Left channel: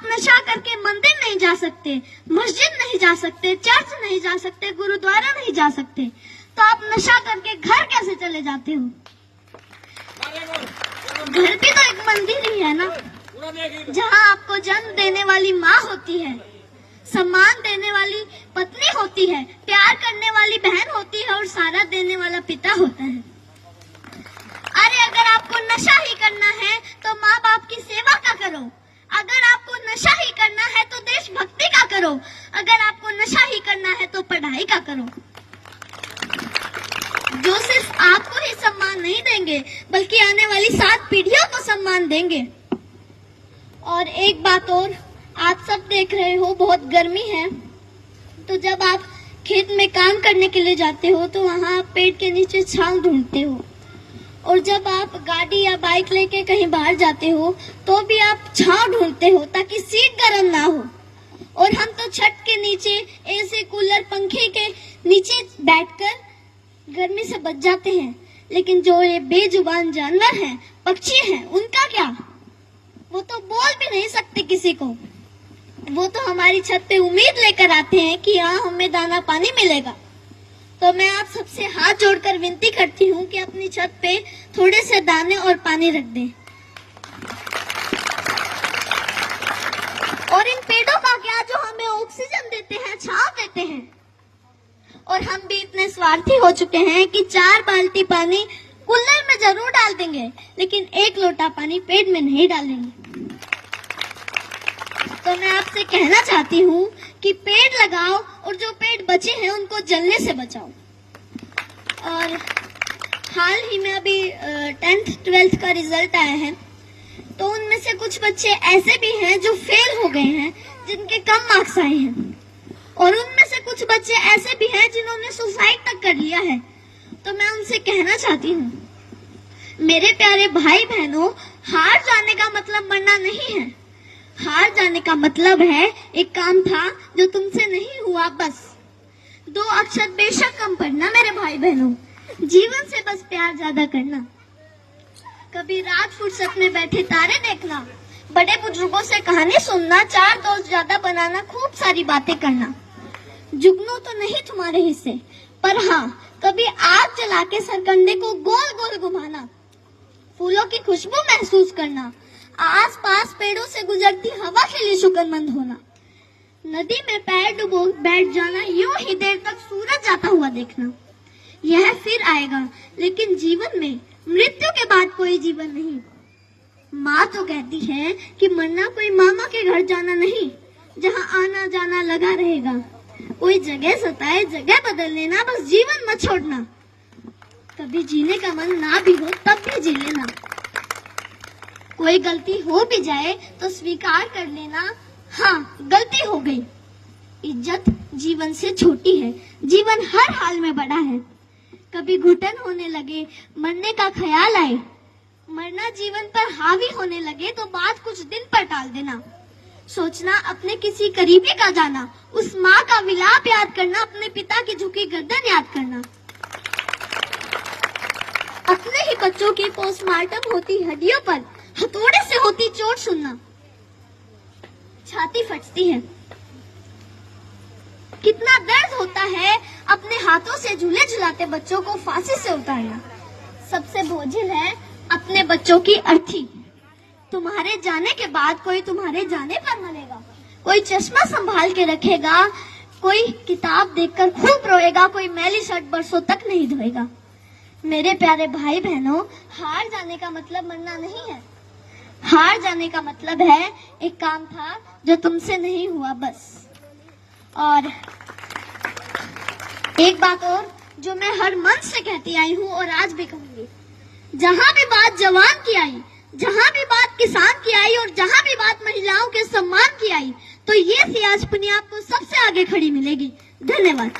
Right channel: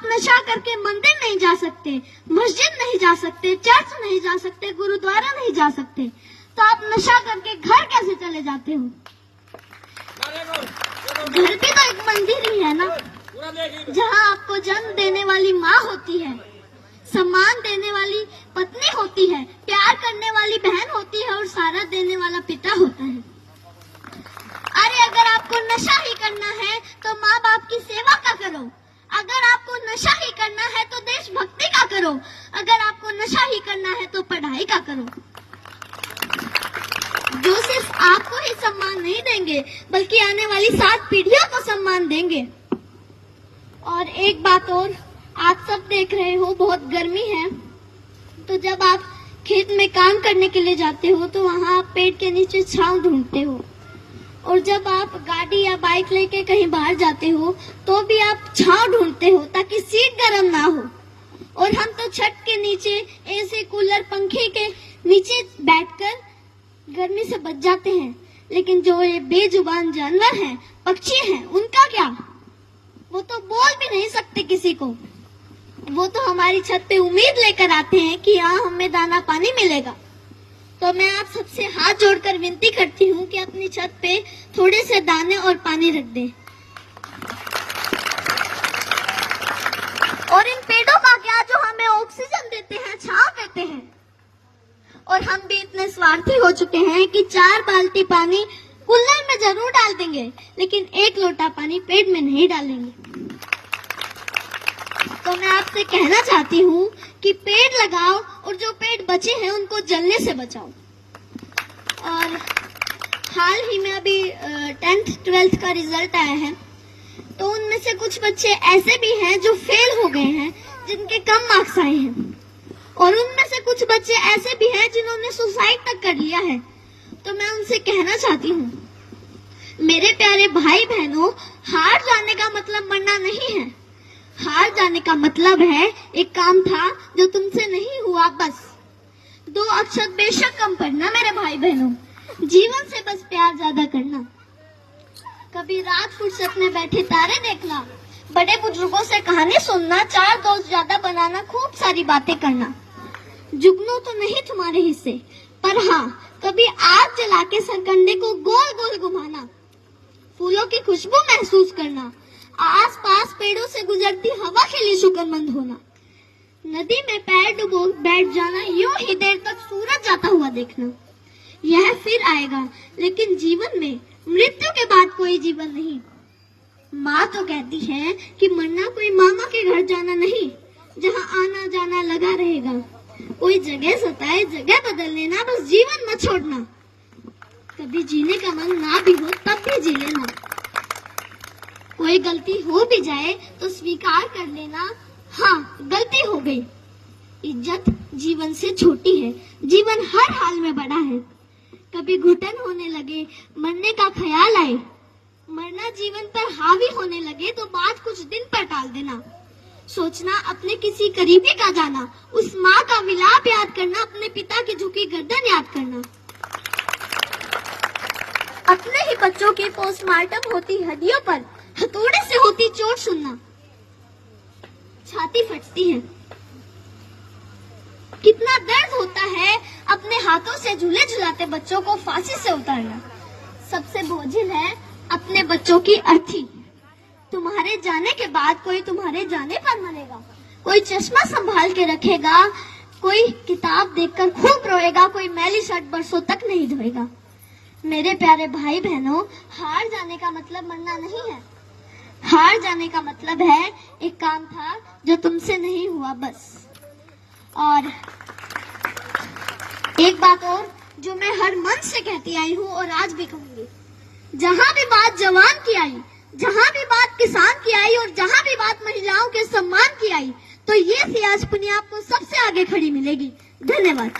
आप नशा करके मंदिर नहीं जा सकते, मस्जिद नहीं जा सकते, चर्च नहीं जा सकते, गुरुद्वारा नहीं जा सकते, तो आप नशा करके घर कैसे चले जाते हो? घर भी तो एक मंदिर ही है ना, जहाँ आपको जन्म देने वाली माँ होती है, सम्मान देने वाली पत्नी होती है, प्यार करने वाली बहन होती है और सहारा देने वाला पिता होता है। अरे अगर आपको नशा ही करना है तो माँ बाप की सेवा का करो, अगर आपको नशा ही करना है तो देशभक्ति का करो, अगर आपको नशा ही करना है तो पढ़ाई का करो। जो सिर्फ आपको ही सम्मान नहीं देंगे बल्कि आने वाली 7 पीढ़ियों को सम्मान देंगे। और एक बात और, आप सब देख रहे हो बहुत गर्मी है, तो जब आप खेत में काम करने के लिए जाते हो तो वहाँ आप पेड़ के नीचे छांव ढूंढते हो, और जब आप गाड़ी या बाइक लेके कहीं बाहर जाते हो तो भी आप छांव ढूंढते हो ताकि सीट गर्म ना हो। और हम तो छत के नीचे एसी कूलर पंखे के नीचे बैठकर गर्मी से बच जाते हैं, लेकिन जो ये बेजुबान जानवर हैं, पक्षी हैं, उनका क्या? वो तो बोल भी नहीं सकते किसी को। वो तो हमारी छत पे उम्मीद लेकर आते हैं कि यहाँ हमें दाना पानी मिलेगा। तो मैं आप सबसे हाथ जोड़कर विनती करती हूँ कि अपनी छत पे थोड़े से दाने और पानी रख दें। और इन पेड़ों का क्या जो हमें ऑक्सीजन देते हैं, छांव देते हैं। और हम भी इतने स्वार्थी हो चुके हैं कि 4 बाल्टी पानी कूलर में जरूर डाल देंगे, लेकिन 1 लोटा पानी पेड़ में नहीं डालेंगे। तो मैं आपसे कहना चाहती हूँ कि पेड़ लगाओ और जो पेड़ बचे हैं उनको जलने से बचाओ। और हाल ही में अभी 10th 12th का रिजल्ट आया है, तो उनमें से कुछ बच्चे ऐसे भी हैं जो फेल हो गए हैं, जिनके कम मार्क्स आए हैं, और उनमें से कुछ बच्चे ऐसे भी हैं जिन्होंने सुसाइड तक कर लिया है। तो मैं उनसे कहना चाहती हूँ, मेरे प्यारे भाई बहनों, हार जाने का मतलब मरना नहीं है। हार जाने का मतलब है एक काम था जो तुमसे नहीं हुआ, बस 2 अक्षर बेशक कम पढ़ना मेरे भाई बहनों, जीवन से बस प्यार ज्यादा करना, कभी रात फुर्सत में बैठे तारे देखना, बड़े बुजुर्गों से कहानी सुनना, 4 दोस्त ज्यादा बनाना, खूब सारी बातें करना। जुगनू तो नहीं तुम्हारे हिस्से, पर हाँ कभी आग जला के सरकंडे को गोल गोल घुमाना, फूलों की खुशबू महसूस करना, आसपास पेड़ों से गुजरती हवा के लिए शुक्रमंद होना, नदी में पैर डुबो बैठ जाना, यूं ही देर तक सूरज जाता हुआ देखना। यह फिर आएगा, लेकिन जीवन में मृत्यु के बाद कोई जीवन नहीं। माँ तो कहती है कि मरना कोई मामा के घर जाना नहीं, जहाँ आना जाना लगा रहेगा। कोई जगह सताए जगह बदल लेना, बस जीवन मत छोड़ना। कभी जीने का मन ना भी हो तब भी जी लेना। कोई गलती हो भी जाए तो स्वीकार कर लेना, हाँ गलती हो गई। इज्जत जीवन से छोटी है, जीवन हर हाल में बड़ा है। कभी घुटन होने लगे, मरने का ख्याल आए, मरना जीवन पर हावी होने लगे तो बात कुछ दिन पर टाल देना। सोचना अपने किसी करीबी का जाना, उस माँ का विलाप याद करना, अपने पिता की झुकी गर्दन याद करना, अपने ही बच्चों की पोस्टमार्टम होती हड्डियों पर हथौड़े से होती चोट सुनना, छाती फटती है। कितना दर्द होता है अपने हाथों से झूले झुलाते बच्चों को फांसी से उतारना। सबसे बोझिल है अपने बच्चों की अर्थी। तुम्हारे जाने के बाद कोई तुम्हारे जाने पर मरेगा, कोई चश्मा संभाल के रखेगा, कोई किताब देखकर खूब रोएगा, कोई मैली शर्ट बरसों तक नहीं धोएगा। मेरे प्यारे भाई बहनों, हार जाने का मतलब मरना नहीं है। हार जाने का मतलब है एक काम था जो तुमसे नहीं हुआ, बस। और एक बात और जो मैं हर मन से कहती आई हूँ और आज भी कहूंगी, जहाँ भी बात जवान की आई, जहाँ भी बात किसान की आई और जहाँ भी बात महिलाओं के सम्मान की आई, तो ये सियाज पुनिया आपको सबसे आगे खड़ी मिलेगी। धन्यवाद।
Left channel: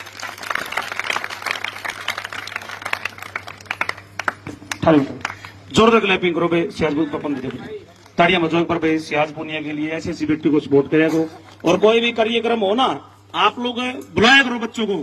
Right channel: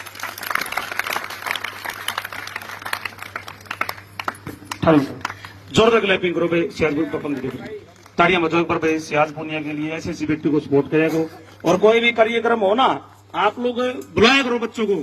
जोरदार क्लैपिंग करो भाई, सियाज तो ताड़ियां बजाओ पर भाई सियाज पुनिया के लिए, ऐसे व्यक्ति को सपोर्ट करेगा। और कोई भी कार्यक्रम हो ना, आप लोग बुलाया करो बच्चों को।